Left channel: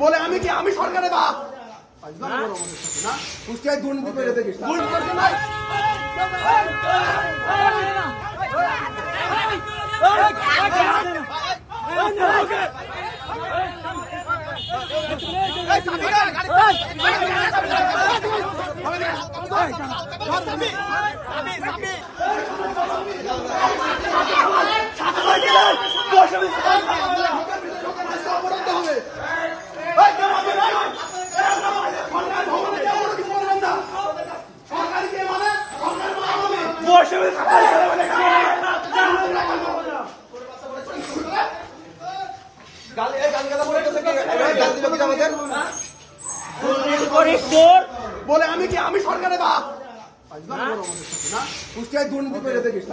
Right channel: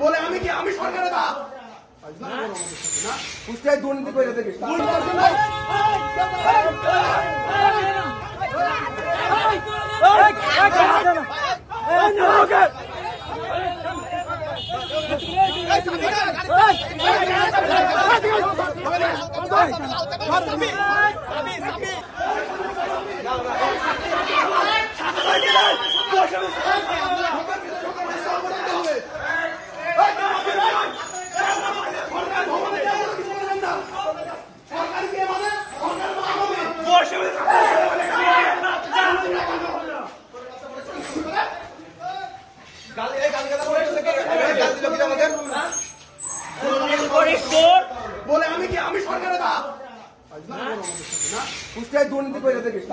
বলে আমি সরকারে বাপ না কুষ্টিয়ায় দুর্নীতি করে দেখিস বলে আমি সরকারে বাপ না কুষ্টিয়ায় দুর্নীতি করে দেখিস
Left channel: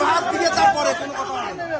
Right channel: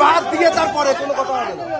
বাদ দিয়ে তারপরে কোনো কথা হবে না।